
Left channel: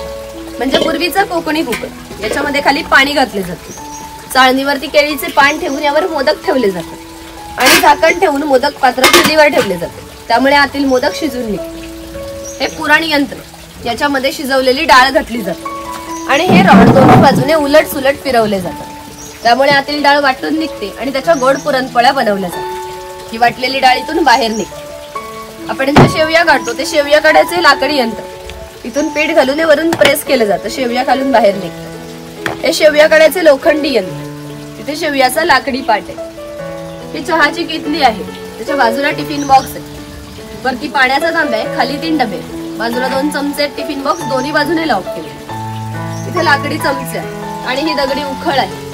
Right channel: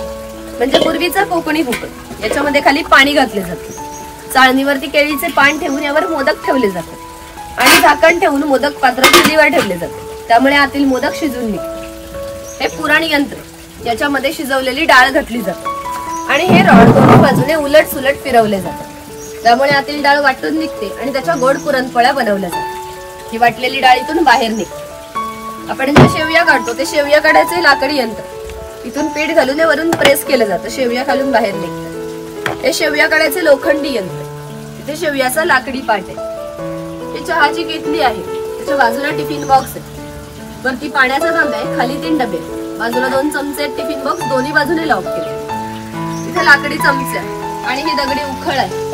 म्हणजे पूर्वीचं कोकणी कुकर. याच्यामध्ये खाली पाणी घातले जाते. चाळणीवरती केळीचे पान ठेवून यावर मोदक ठेवले जातात आणि झाकण ठेवून मोदक पात्र चुलीवर ठेवले जाते. त्यामुळे आतील मोदक शिजून निघते. हे पुराण यंत्र, याच्यामध्ये शिजवलेली डाळ घातली जाते आणि हे रॉड दोन्ही बाजूने उलट सुलट फिरवले जातात. त्यामुळे आतील डाळ वाटून निघते आणि त्याच्या गोड पुरणपोळ्या बनवल्या जातात. ही वाटलेली डाळीतून बाहेर निघते. आपण जे शेवया काढतो ते शेवया काढायचे लाकडी यंत्र. इथून पीठ घालून वरून प्रेस केलं जातं, शेवया खालून बाहेर निघतात. हे शेवया काढायचे लोखंडी यंत्र. तिथे शेवयाचा लाकडी पाट आहे. ही चहाची किटली आहे, त्याच्या बाजूला टिफिन बॉक्स आहे. वरती पाण्याचा तांब्या आहे, खाली 3 डबे, बाजूला 2 चमचे. टिफिन बॉक्स दोन्ही बाजूने लॉक केले. इथे लाकडी चमचे आणि ही दगडी उखळ आहे.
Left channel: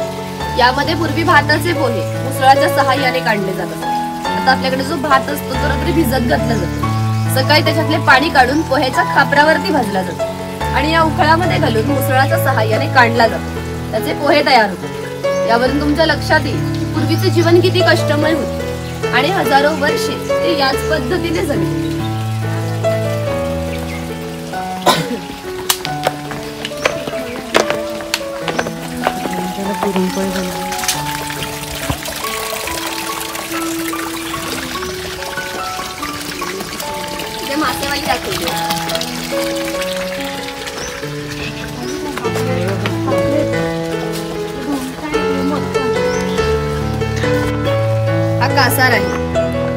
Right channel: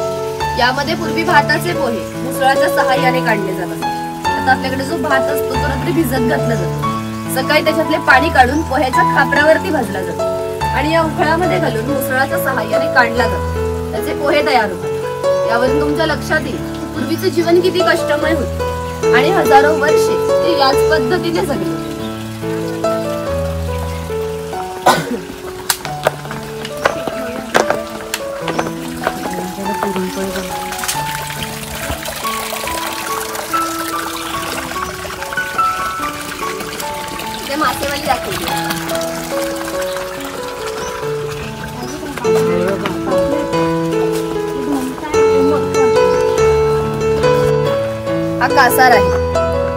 यामध्ये पूर्वी भाताचे पोहे मुसळाच्या सहाय्याने काढले जातात. आता आपल्याकडे जो भात असतो तो रात्री भिजत घातला जातो. सकाळी त्याच्यातले पाणी काढून पोह्याच्या खापरावरती भाजला जातो आणि या उखळामध्ये घालून मुसळाच्या सहाय्याने काढला जातो. त्याचे पोहे तयार होतात. यावरून तुमच्या लक्षात येईल की पूर्वीचे जीवन किती कष्टमय होते आणि हजारो वर्षे ते याच पद्धतीने जगले. मासेवाली दाखवली. हा कासार आहे.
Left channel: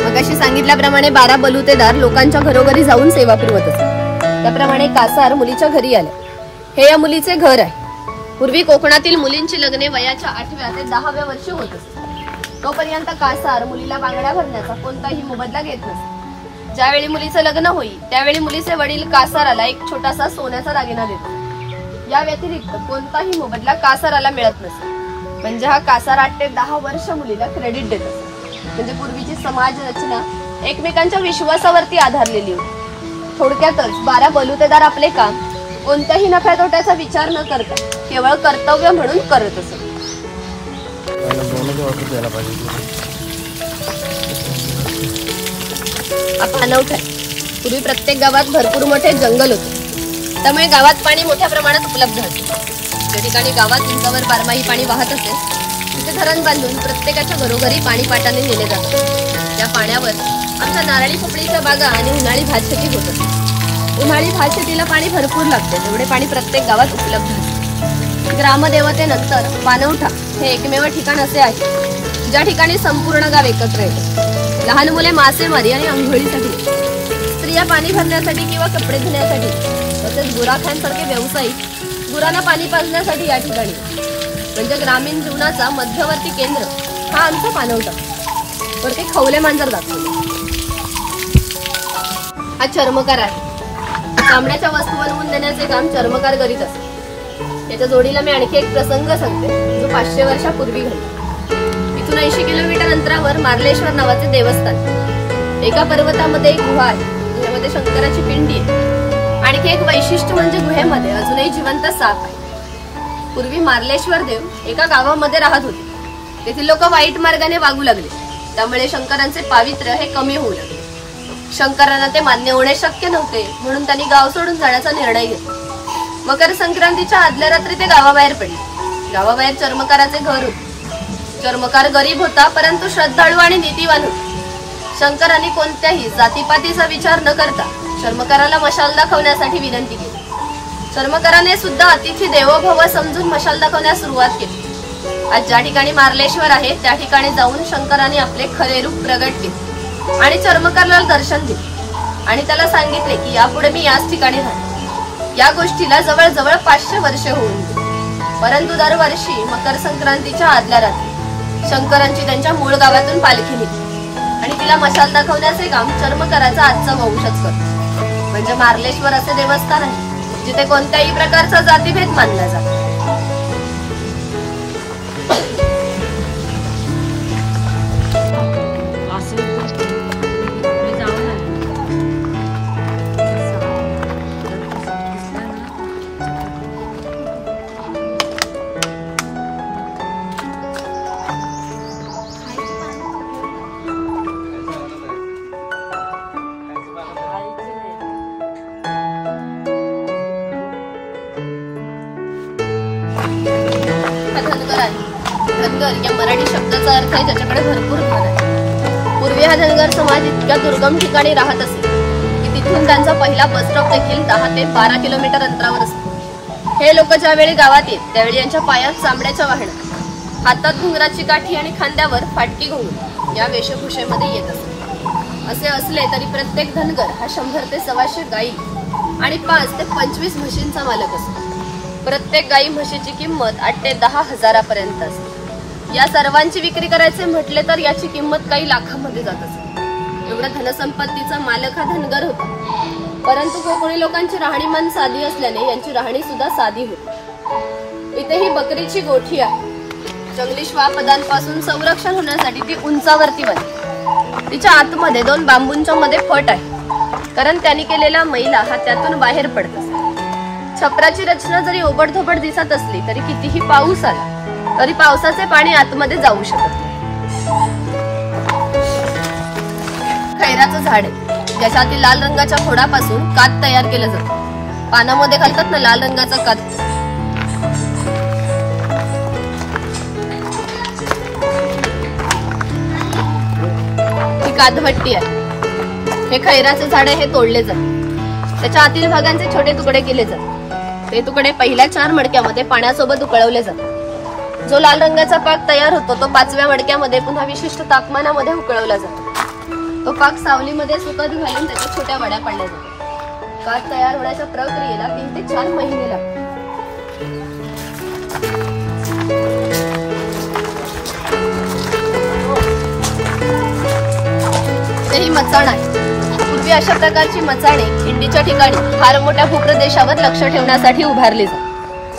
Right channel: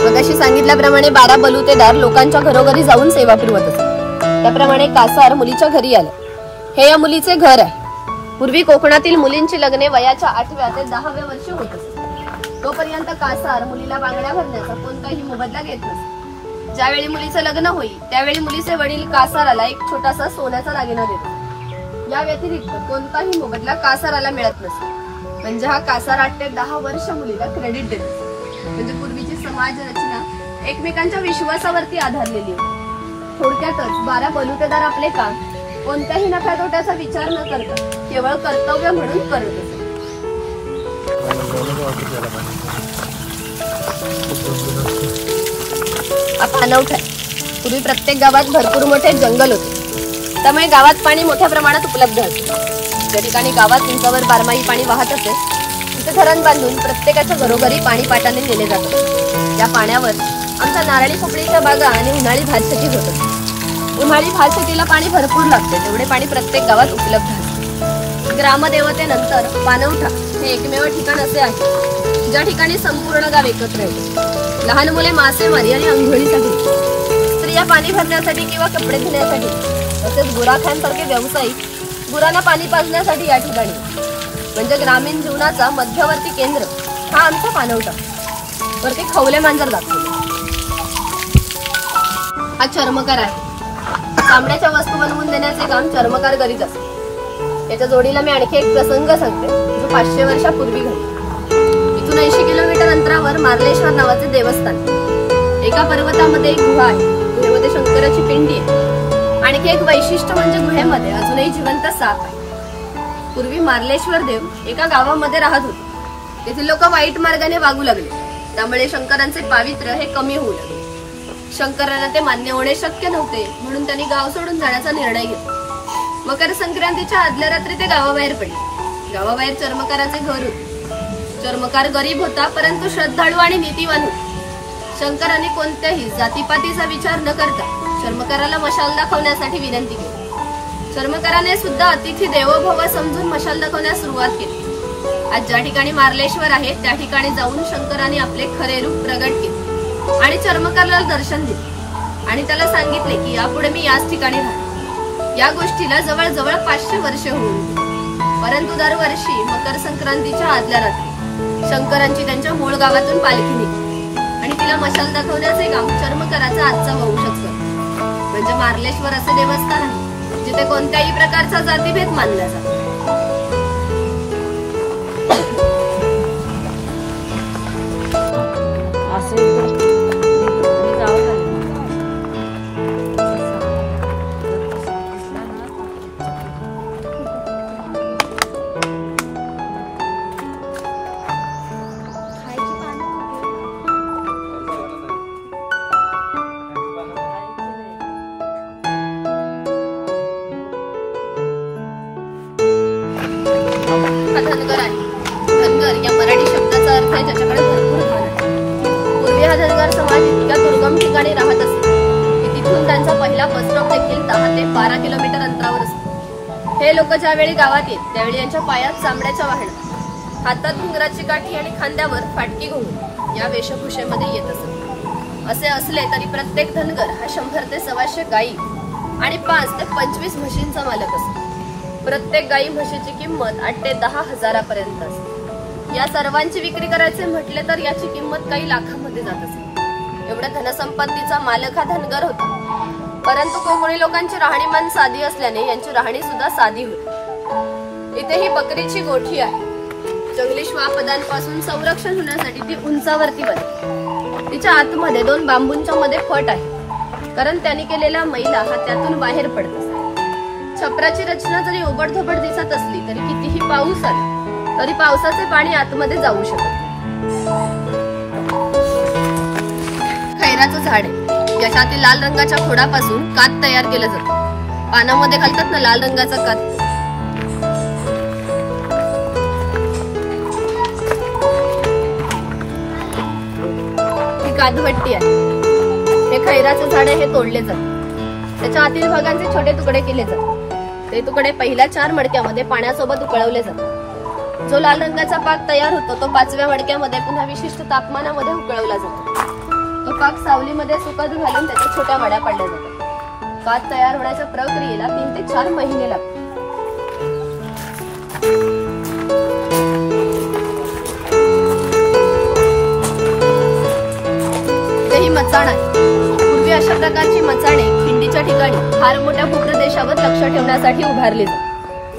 मगाशी सांगितल्याप्रमाणे 12 बलुतेदार लोकांच्या घरोघरी जाऊन सेवा पुरवत असतात. त्याप्रमाणे कासार मुलीच्या घरी आले. हे या मुलीचे घर आहे. पूर्वी कोकणातील मुलींची लग्ने वयाच्या 8व्या ते 10व्या वर्षी होत असत. तोपर्यंत कासार मुलीला बांगड्या भरण्याचा कोणताही मोबदला घेत नसत. ज्यावेळी मुलीचं लग्न होईल त्यावेळी मुलीचे वडील कासाराला एक छोटासा सोन्याचा दागिना देतात. या व्यतिरिक्त कोणताही मोबदला कासाराला मिळत नसतो. म्हणजे हा कासार 8 ते 10 वर्ष मुलीला क्रेडिट देतो. म्हणजे पूर्वीची समाज रचना एकमेकांच्या विश्वासावरती आधारलेली होती. थोडक्यातच 12 बलुतेदार आपले काम कोणत्याही नफ्या तोट्याचा विचार न करता केवळ कर्तव्य म्हणून करत असत. अनोखा आहे. पूर्वी प्रत्येक गावात भरपूर मोठे जंगल होते, त्यामुळे गावात पाणी मोठ्या प्रमाणात उपलब्ध होते. ज्या ठिकाणी गावात उंचावर 12माही पाणी वाहत असे तिथे धरण बांधून प्रत्येकाच्या घरोघरी पाणी पाटाने नेले जाते. त्या पाण्यावर आमच्या नारळी पोपळीच्या बागा आणि उन्हाळी भातशेती होत असते. उन्हाळी भातशेतीला पाणी भरपूर लागते, तेवढे पाणी प्रत्येक गावात उपलब्ध असते. ग्रामदेवतेनंतर पाणवठा हे एकमेव ठिकाण असे आहे ज्या ठिकाणी संपूर्ण गाव एकत्र येते. लहान मुले मासेमारी आणि अंघोळीसाठी, स्त्रिया पाणी भरण्यासाठी किंवा कपडे धुण्यासाठी, तसेच गुराख्यांसारखे व्यावसायिक गुरांना पाणी पाजण्यासाठी या ठिकाणी. म्हणजे ग्रामीण जीवनाचा मध्यवर्ती केंद्र हा आमचा पाणवठा. वरती खवले मांजर दाखवले. हा चर्मकार आहे. चामड्याच्या वस्तू बनवून देण्याचे काम चर्मकार करीत असतात. याच्या जोडीला मी आणखी एक प्रसंग सांगते जो 500 वर्षापूर्वी घडला। इथून 80 किलोमीटर अंतरावर मार्लेश्वर नावाचे देवस्थान, एका पर्वतामध्ये एक गुहा आहे, गुहेमध्ये शंकराची पिंडी आहे। आणखी एक वैशिष्ट्य म्हणजे गुहेमध्ये अजूनही जिवंत साप आहे। पूर्वी मार्लेश्वर देव एका गावामध्ये राहत होते। तेथील लोक वाईट मार्गाने वागू लागले, त्यामुळे शंकरांचे पावित्र्य हे कमी होऊ लागले। शंकरांना ते मान्य होणे शक्य नव्हते, म्हणून त्यांनी गाव सोडून जाण्याचा निर्णय घेतला। मकर संक्रांतीच्या आदल्या रात्री ते गावाबाहेर पडले। गावाबाहेर चर्मकाराचे घर होते। चर्मकार गरीब होता, परंतु श्रद्धाळू आणि नीतिवान होता। शंकरांनी कोणत्याही जातीपातीचा विचार न करता चर्मकाराला मशाल दाखवण्यासाठी विनंती केली। चर्मकाराने सुद्धा अतिथी देवो भव समजून मशाल दाखवण्यास सुरुवात केली। आज ज्या ठिकाणी मार्लेश्वर आहे त्या ठिकाणी जाऊन शंकरांनी आपले खरे रूप प्रगट केले आणि चर्मकाराला दर्शन दिले आणि त्याला सांगितले की यापुढे मी याच ठिकाणी राहणार। या गोष्टीला जवळजवळ 500 वर्षे होऊन गेली, परंतु दरवर्षी मकर संक्रांतीच्या आदल्या रात्री शंकरांची त्यांच्या मूळ गावातून पालखी निघते आणि तिला मशाल दाखवण्याचे काम चर्मकाराचा आजचा वंशच करतो। म्हणजे मार्लेश्वर असे देवस्थान आहे जिथे कोणत्याही प्रकारचा जातीभेद मानला जातो। धनगर आहे। धनगर या मराठी शब्दाचा अर्थ आहे ज्याच्याकडे भरपूर धन आहे। पूर्वी हा धनगर समाज इतक्या दुर्गम ठिकाणी राहत असे की तिथून त्यांचा पहिला बस स्टॉप देखील 10 ते 12 किलोमीटर अंतरावर असतो। हे लोक ज्यावेळी गावात येत त्यावेळी यांच्या पायात चांबड्याच्या वाहण्यात, हातात घुंगराची काठी आणि खांद्यावर फाटकी घुंगरू या वेशभूषेमध्ये येत असत। असे असले तरी प्रत्येक धनगर हा 100 ते 125 गायी आणि 5 ते 25 म्हशींचा मालक असतो। प्रत्येक गायी म्हशीची किंमत 8 ते 10 हजारापर्यंत असते। या सर्वांची विक्री करायचे म्हटले तर याची किंमत काही लाखांमध्ये जात असे। एवढ्या धनसंपत्तीचा मालक हा धनगर होता, परंतु कोकणी लोकांची राहणीमान साधी असल्याने यांची राहणी सुद्धा साधी होती। इथे ही बकरीची गोठी आहे। जंगली श्वापदांपासून संरक्षण होण्यासाठी ती उंचावरती बनते। तिच्या आतमध्ये 2 बांबूंच्या मध्ये फट आहे, कारण त्यांनी केलेला मैला हा त्यातून बाहेर पडत असतो। छपराची रचना जरी ओबडधोबड दिसत असली तरी कितीही पाऊस आला तरी पावसाचे पाणी आतमध्ये जाऊ शकत नाही। खैराचं झाड आहे, ज्याच्यातील लाल रंगाच्या खोडापासून कात तयार केला जातो। पानामध्ये घालतात ना लाल रंगाचा कात। ही कातभट्टी आहे। हे खैराचे झाड आहे, हे तोडले जाते। त्याच्या आतील भागांचे छोटे तुकडे केले जातात। ते तुकडे पहिल्या 4 मडक्यामध्ये पाण्यासोबत उकळवले जातात। जो लाल रंगाचा पाक तयार होतो तो 5व्या मडक्यामध्ये पुन्हा विशिष्ट तापमानामध्ये उकळवला जातो। तो पाक सावलीमध्ये सुकत घालून त्याच्या छोट्या वड्या पाडल्या जातात। कात तयार होण्याच्या प्रक्रियेला 3 ते 4 महिने लागतात। ही मचाण आहे। पूर्वी अशा प्रकारची मचाणे खिंडीच्या ठिकाणी फार मोठ्या भूप्रदेशावर लक्ष ठेवण्यासाठी उभारली जातात।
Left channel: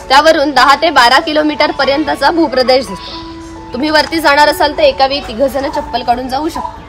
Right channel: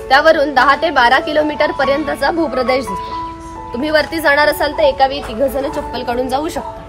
त्यावरून 10 ते 12 किलोमीटर पर्यंतचा भूप्रदेश दिसतो। तुम्ही वरती जाणार असाल तर एका वेळी 3 जण चप्पल काढून जाऊ शकता।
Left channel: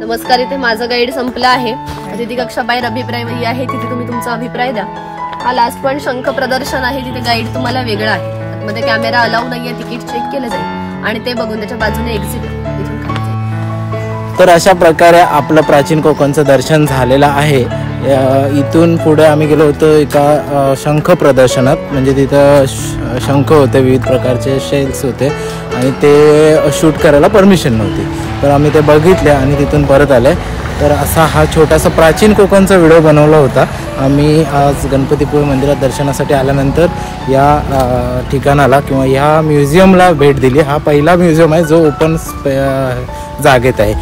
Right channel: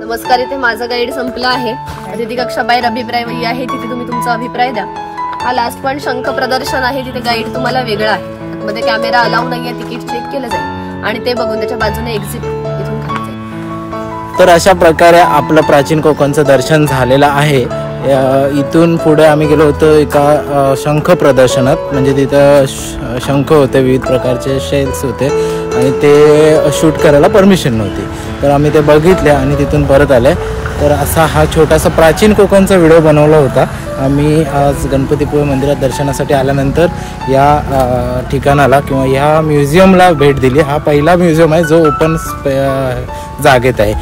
नमस्कार, इथे माझं गाईड संपलं आहे। अतिथी कक्षा बाहेर अभिप्राय वही आहे, तिथे तुम्ही तुमचा अभिप्राय द्या। हा लास्ट पॉइंट शंख प्रदर्शन आहे, तिथे गाईड तुम्हाला वेगळा आहे। आतमध्ये कॅमेरा अलाउ नाहीये, तिकीट चेक केलं जाईल आणि ते बघून त्याच्या बाजूने एक्झिट इथून खाली जाईल। तर अशा प्रकारे आपलं प्राचीन कोकणचं दर्शन झालेलं आहे। इथून पुढे आम्ही गेलो होतो एका शंख प्रदर्शनात, म्हणजे तिथं शंख होते, विविध प्रकारचे शेल्स होते आणि ते शूट करायला परमिशन नव्हती, तर आम्ही ते बघितले आणि तिथून परत आले. तर असा हा छोटासा प्राचीन कोकणचा व्हिडिओ बनवला होता. आम्ही आज गणपतीपुळे मंदिरात दर्शनासाठी आल्यानंतर या ठिकाणाला किंवा ह्या म्युझियमला भेट दिली. हा पहिला म्युझियम आहे जो ओपन जागेत आहे.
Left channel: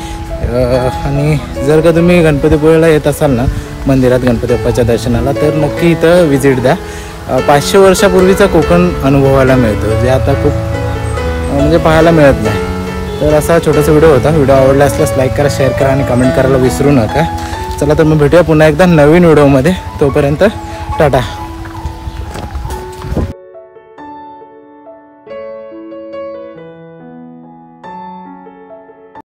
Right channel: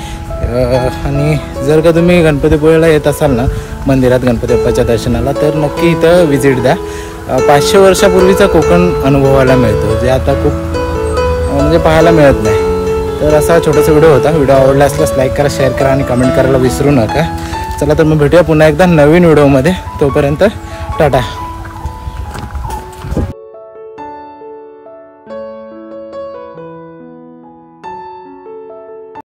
आणि जर का तुम्ही गणपतीपुळेला येत असाल ना मंदिरात गणपती बाप्पाच्या दर्शनाला, तर नक्की इथं व्हिजिट द्या. 500 वर्षापूर्वीचा कोकण अनुभवायला मिळतो, जे आता खूप म्हणजे पाहायला मिळत नाही. तर असा छोटासा व्हिडिओ होता. व्हिडिओ आवडला असल्यास लाईक करा, शेअर करा आणि कमेंट करायला विसरू नका. चला तर मग भेटूया पुन्हा एकदा नवीन व्हिडिओमध्ये. तोपर्यंत टाटा.